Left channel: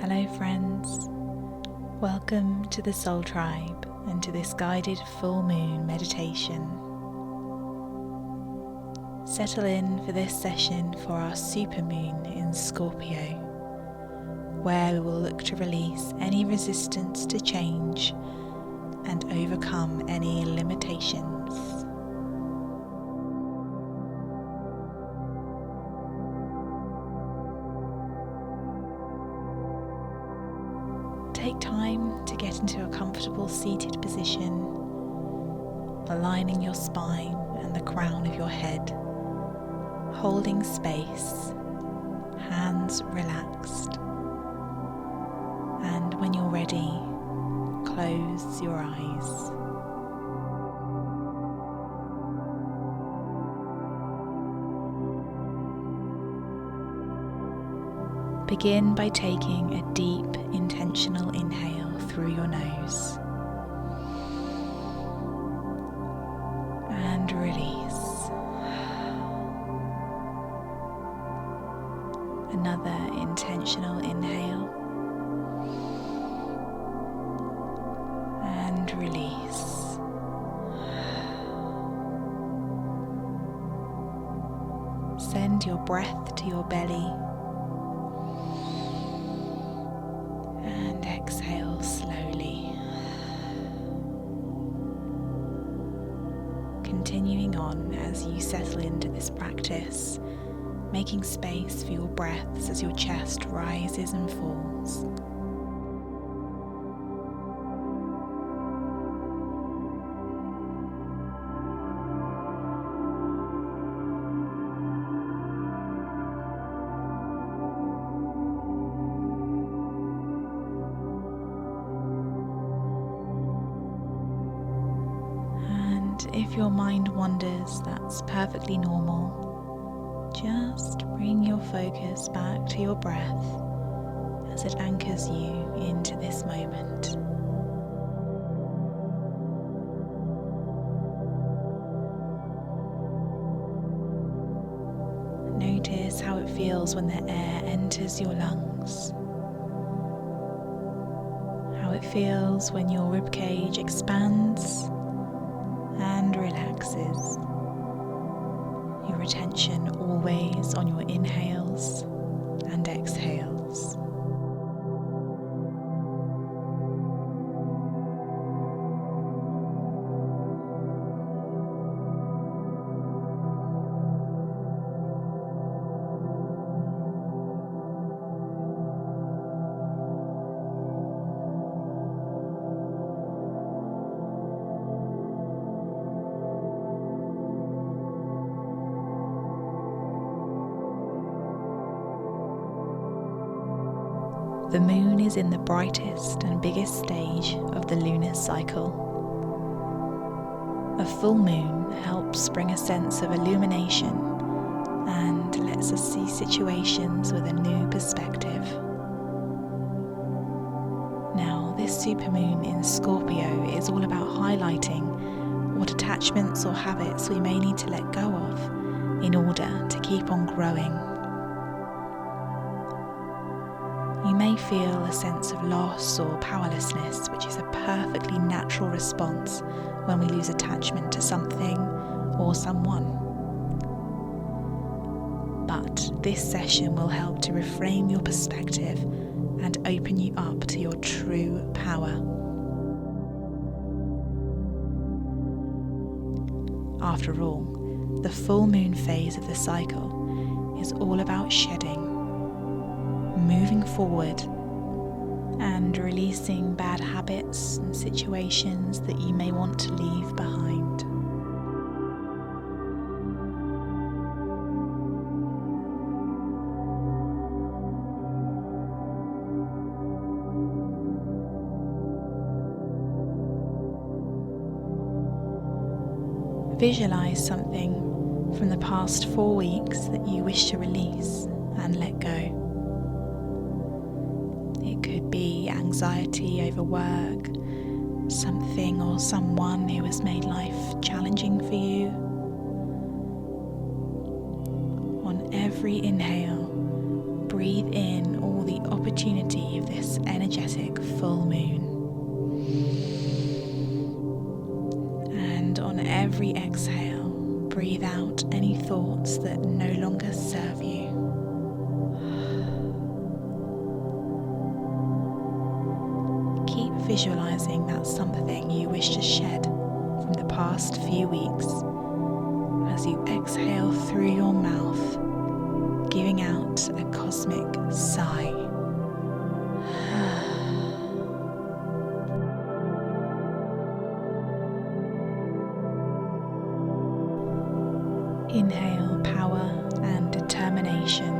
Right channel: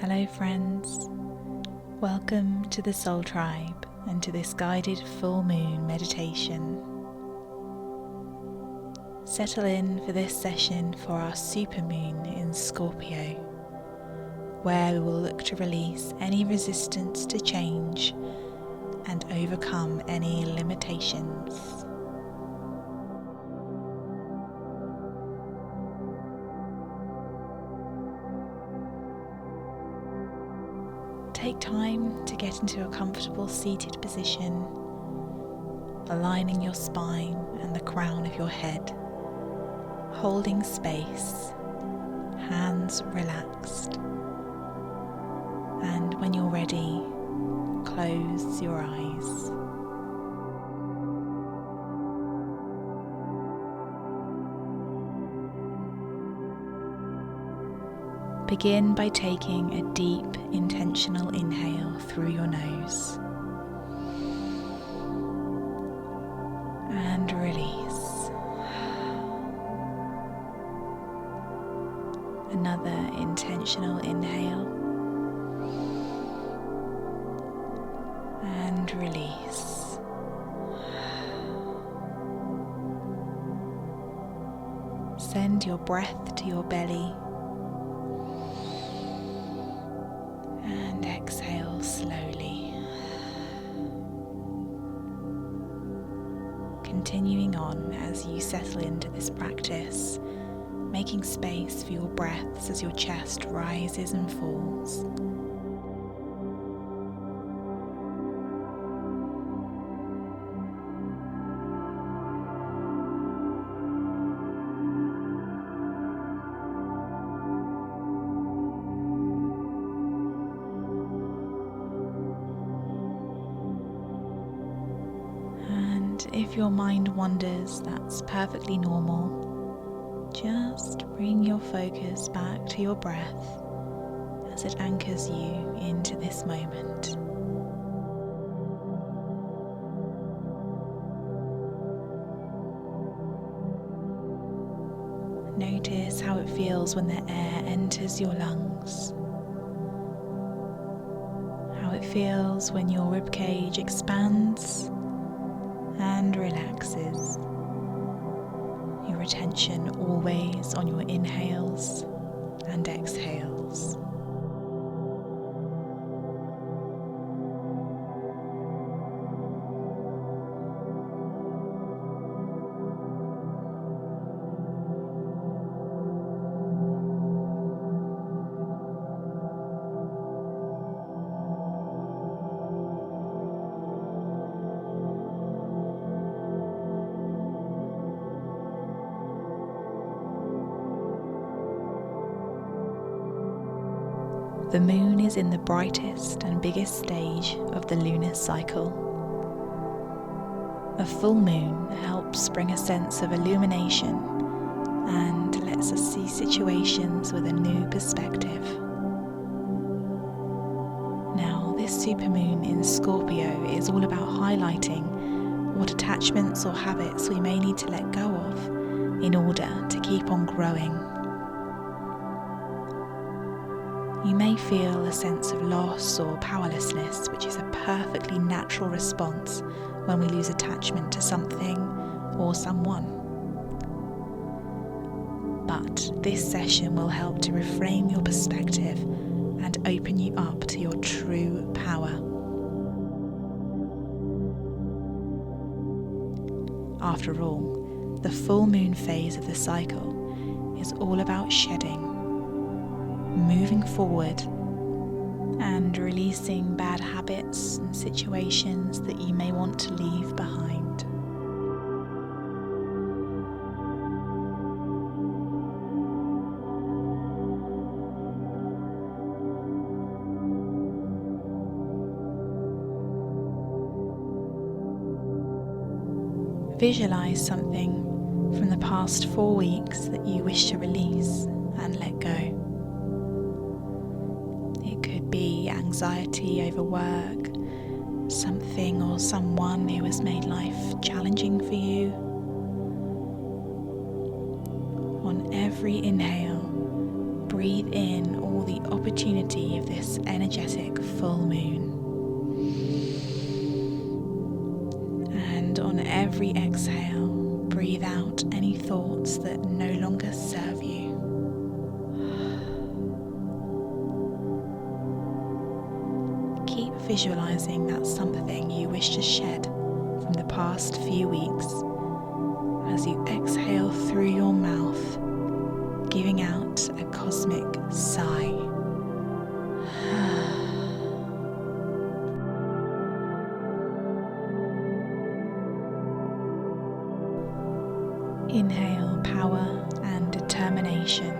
Hello friends, welcome to the Soul Tribe and to this guided full moon meditation. Settle in for this session for our supermoon in Scorpio, where we will look to release any resistance to change and overcome any limitations. Take time to get into a comfortable seated position, aligning your spine and the crown of your head, holding space, hands relaxed, and when you're ready, close your eyes. Begin by taking a deep, intentional inhale through your nose and release. Another intentional inhale and release. Send your breath to your belly. Exhale slowly. Continuing on as you settle into this practice, making space for your breaths as your chest rises and falls. If your mind wanders, that's perfectly normal. Just bring your focus back to your breath as it anchors you into this moment. Notice how it feels when the air enters your lungs. How it feels when your ribcage expands and relaxes. Your attention always on your inhales and exhales. The moon is in the brightest and biggest stage of the lunar cycle. A full moon helps bring a sense of illumination and lets us see situations with a new perspective. Now, this supermoon in Scorpio is all about highlighting what attachments or habits we may need to let go of in order to keep on growing. You may feel a sense of loss or powerlessness, which is a perfectly natural response when we lose attachment to something or someone. But this session will help to reframe your perspective and open you up to your true power. After all, the full moon phase of the cycle is all about shedding, moving forward, and releasing bad habits and situations that you may want to leave behind. Visualize something from the past 4 weeks that you wish to release and let go. It could be anxiety over work, something or someone who has made life challenging for you. On every inhale, breathe in all the opportunity of this energetic full moon. And on every exhale, breathe out any thoughts that no longer serve you. Keep visualizing that something you wish to shed from the past few weeks as you exhale through your mouth, giving out a cosmic sigh. Inhale power and determination.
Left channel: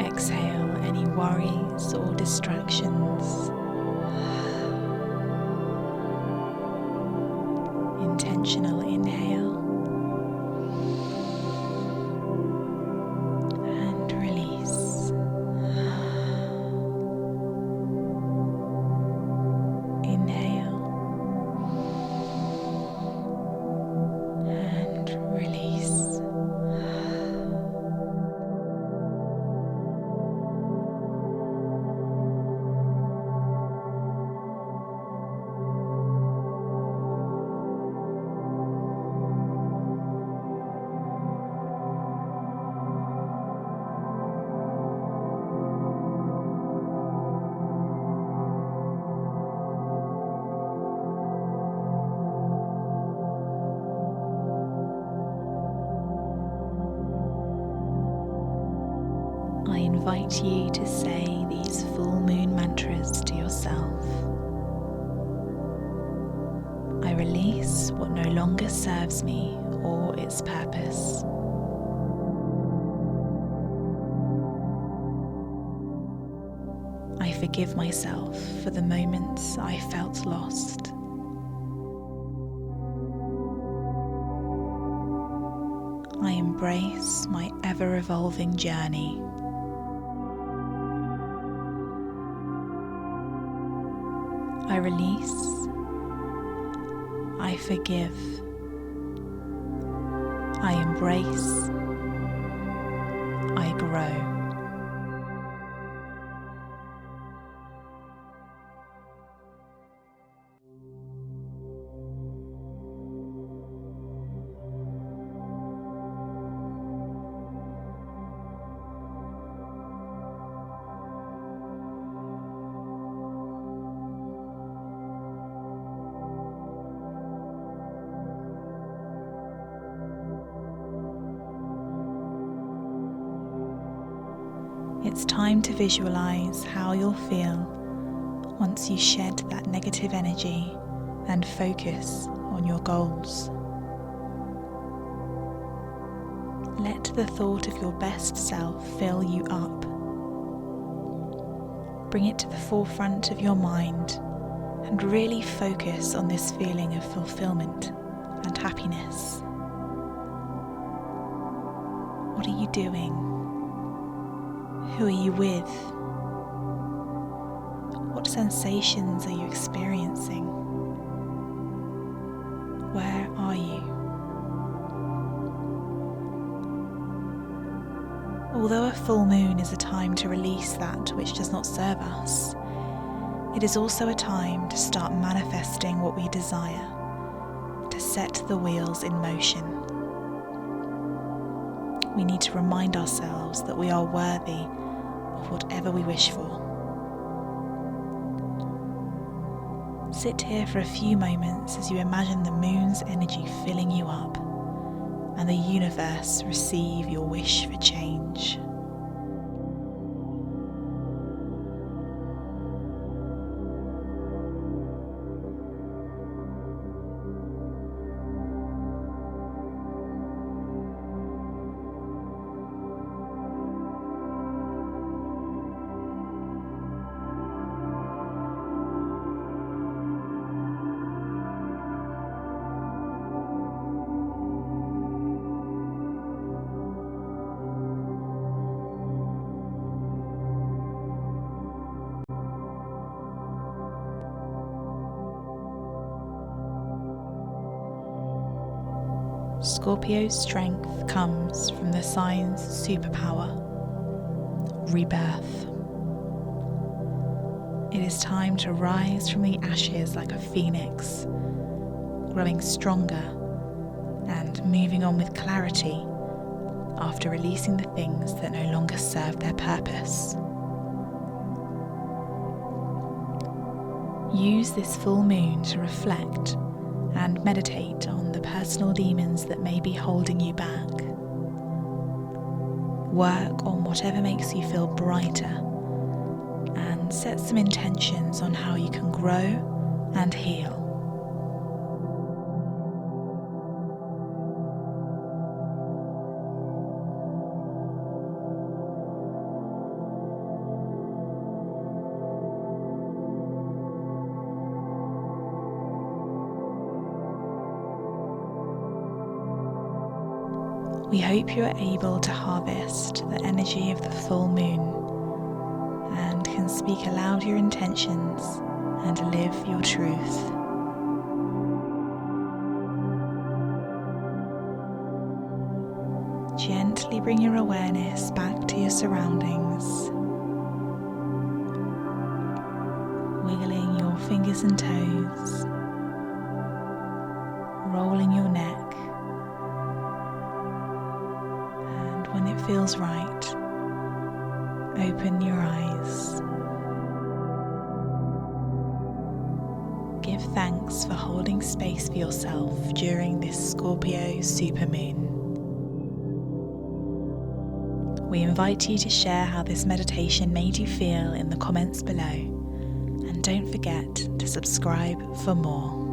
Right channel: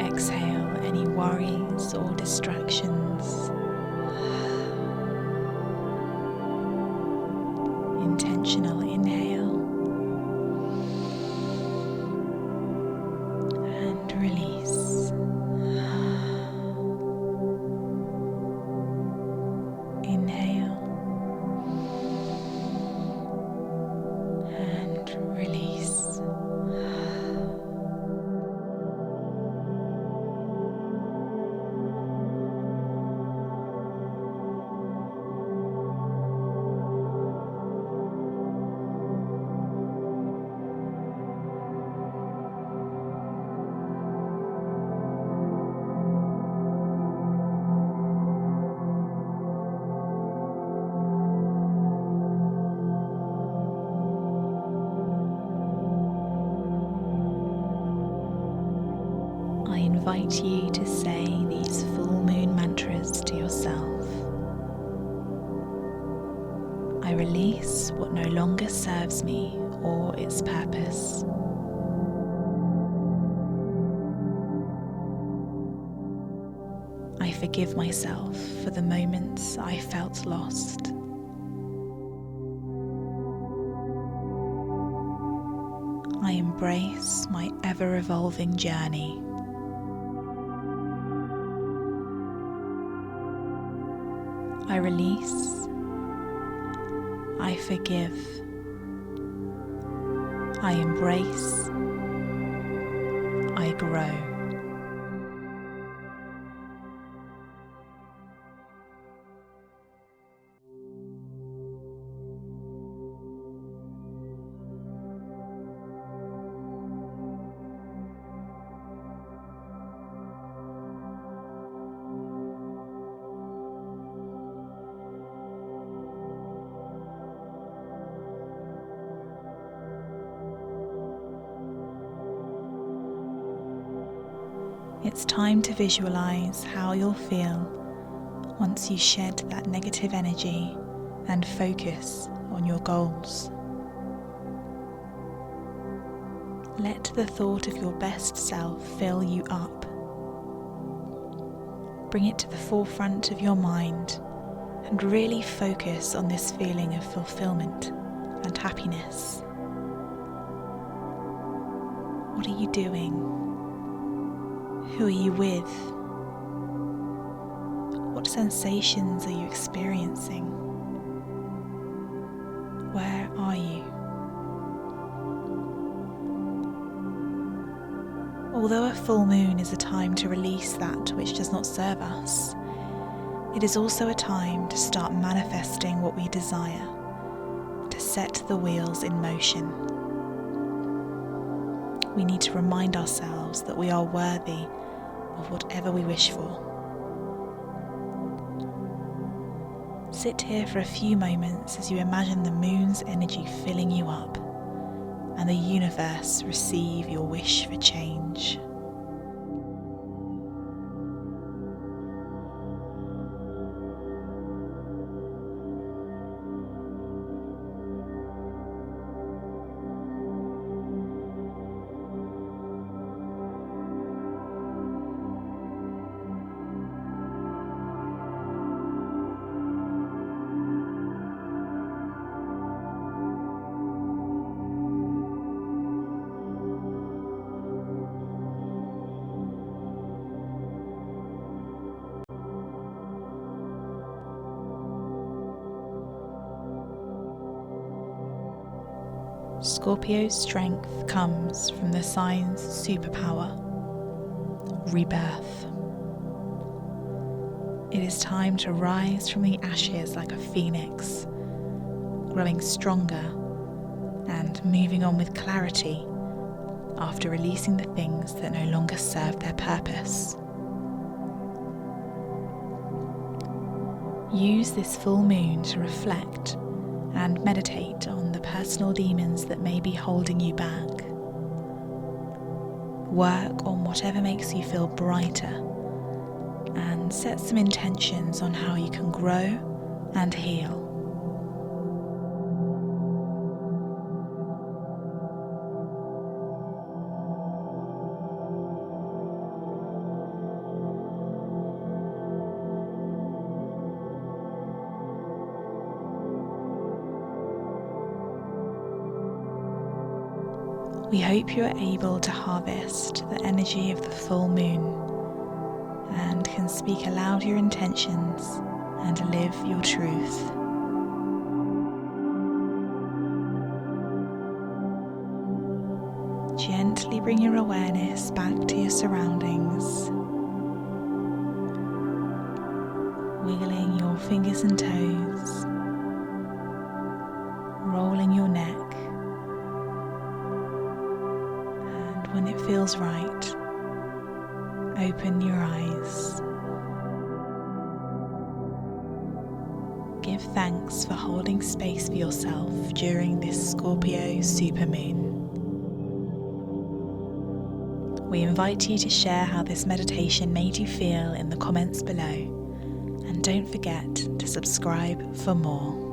Exhale any worries or distractions. Intentional inhale and release. Inhale and release. I invite you to say these full moon mantras to yourself. I release what no longer serves me or its purpose. I forgive myself for the moments I felt lost. I embrace my ever-evolving journey. I release, I forgive, I embrace, I grow. It's time to visualize how you'll feel once you shed that negative energy and focus on your goals. Let the thought of your best self fill you up. Bring it to the forefront of your mind and really focus on this feeling of fulfillment and happiness. What are you doing? Who are you with? What sensations are you experiencing? Where are you? Although a full moon is a time to release that which does not serve us, it is also a time to start manifesting what we desire, to set the wheels in motion. We need to remind ourselves that we are worthy of whatever we wish for. Sit here for a few moments as you imagine the moon's energy filling you up and the universe receive your wish for change. Scorpio's strength comes from the sign's superpower, rebirth. It is time to rise from the ashes like a phoenix, growing stronger and moving on with clarity after releasing the things that no longer serve their purpose. Use this full moon to reflect and meditate on the personal demons that may be holding you back. Work on whatever makes you feel brighter and set some intentions on how you can grow and heal. We hope you are able to harvest the energy of the full moon and can speak aloud your intentions and live your truth. Gently bring your awareness back to your surroundings, wiggling your fingers and toes, rolling your neck. When it feels right, open your eyes. Give thanks for holding space for yourself during this Scorpio Supermoon. We invite you to share how this meditation made you feel in the comments below, and don't forget to subscribe for more.